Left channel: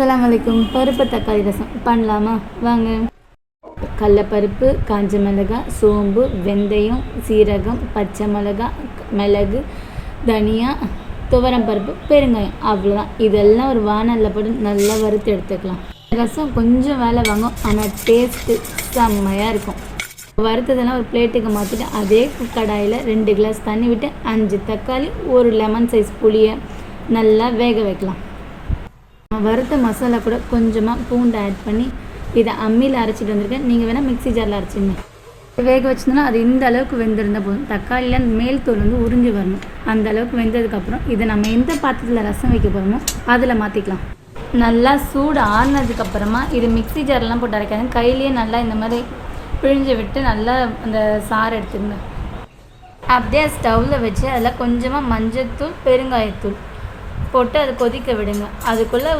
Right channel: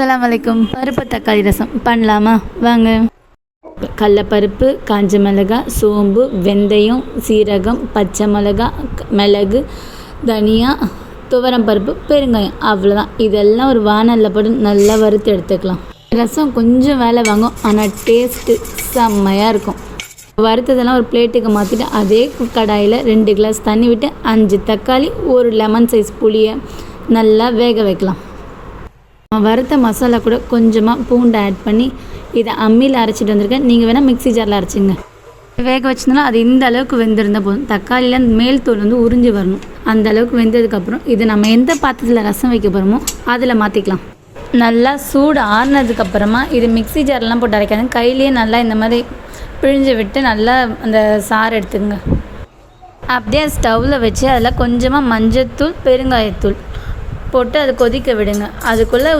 அஸ்ஸலாமு அலைக்கும். பருப்பு தக்காளி ரசம் பண்ணலாமா? வாங்க. கடலப்பருப்பு, காஞ்ச மிளகாய், சோம்பு, வெந்தயம், சீரகம், பச்சை மிளகாய், மிளகு, தனியா, துவரம் பருப்பு, பெருங்காயம், அவ்வளோதான். இதெல்லாம் ஒரு வானலில் போட்டு நல்லா வறுத்து எடுத்துக்கலாம். ரசம் கொஞ்சம் வேலை வாங்கும், ஆனால் டேஸ்ட்டு செம்மையாக இருக்கும். வறுத்ததெல்லாம் ஒரு பிளேட்டுக்கு மாற்றிட்டு அதே கடாயில் 2 கிளாஸ் தண்ணி விட்டு 5 தக்காளி, ஒரு லெமன் சைஸ் புளியை நல்லா வேக வைக்கலாம். வறுத்த மசாலா கூட கொஞ்சமாக பூண்டு ஆட் பண்ணி இதை அம்மியில் அரைச்சிட்டு வந்திருக்கேன். நீங்கள் வேணால் மிக்ஸி ஜாரில் அரைச்சிங்க. வேக வச்சிருந்தோன்னா அது இந்த அளவுக்கு வெந்திருந்தால் போதும். தக்காளியில் மேல் தோல் உறிஞ்சி வரணும். அந்த அளவுக்கு வெந்ததுக்கப்புறம் இதை நம்ம எந்த பாத்திரத்தில் ரசம் வைக்க போகிறோமோ அதில் மாற்றிக்கலாம். நல்லா சூடு ஆறுனதுக்கப்புறமா இது மிக்ஸி ஜார்லாம் போட்டு அரைக்காதுங்க. கையிலேயே நல்லா இந்த மாதிரி பிழிஞ்சு விட்டு நல்லா அந்த சாறு எடுத்துங்க. அப்படியே ஸ்டவ்வில் வச்சு அதில் கொஞ்சமாக மஞ்சத்தூள், பெருங்காயத்தூள் போட்டு அதை கொதிக்க விடுங்க. அதுக்குள்ளே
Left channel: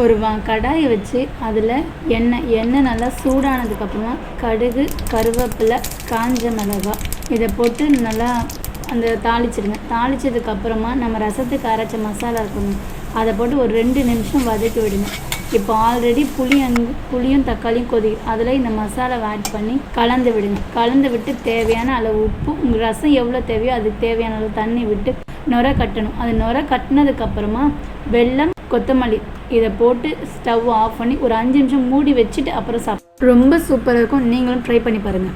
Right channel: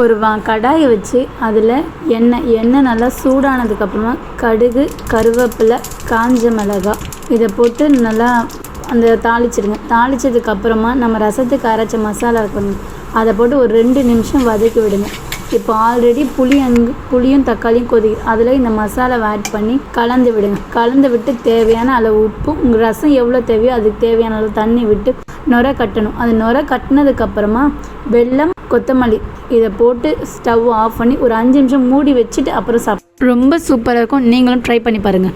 ஒரு கடாயை வச்சு அதில் எண்ணெய் நல்லா சூடானதுக்கப்புறமா கடுகு, கருவேப்பிலை, காஞ்ச மிளகாய் இதை போட்டு நல்லா அந்த தாளிச்சிடுங்க. தாளித்ததுக்கப்புறமா நம்ம ரசத்துக்கு அரைச்ச மசாலா இருக்கணும், அதை போட்டு ஒரு 2 நிமிஷம் வதக்கி விடுங்க. இப்போ ஆல்ரெடி புளியும் தக்காளியும் கொதிக்கும், அதில் இந்த மசாலாவை ஆட் பண்ணி கலந்து விடுங்க. கலந்து விட்டு தேவையான அளவு உப்பு, உங்கள் ரசம் எவ்வளோ தேவையோ அதுக்கு தேவையான அளவு தண்ணி விட்டு நுரை கட்டணும். அது நுரை கட்டினதுக்கப்புறமா வெல்லம், கொத்தமல்லி இதை போட்டு ஸ்டவ் ஆஃப் பண்ணி ஒரு 5 நிமிஷம் மூடி வச்சுட்டு அப்புறம் ரொம்ப சூப்பராக இருக்கும். நீங்களும் ட்ரை பண்ணி பாருங்கள்.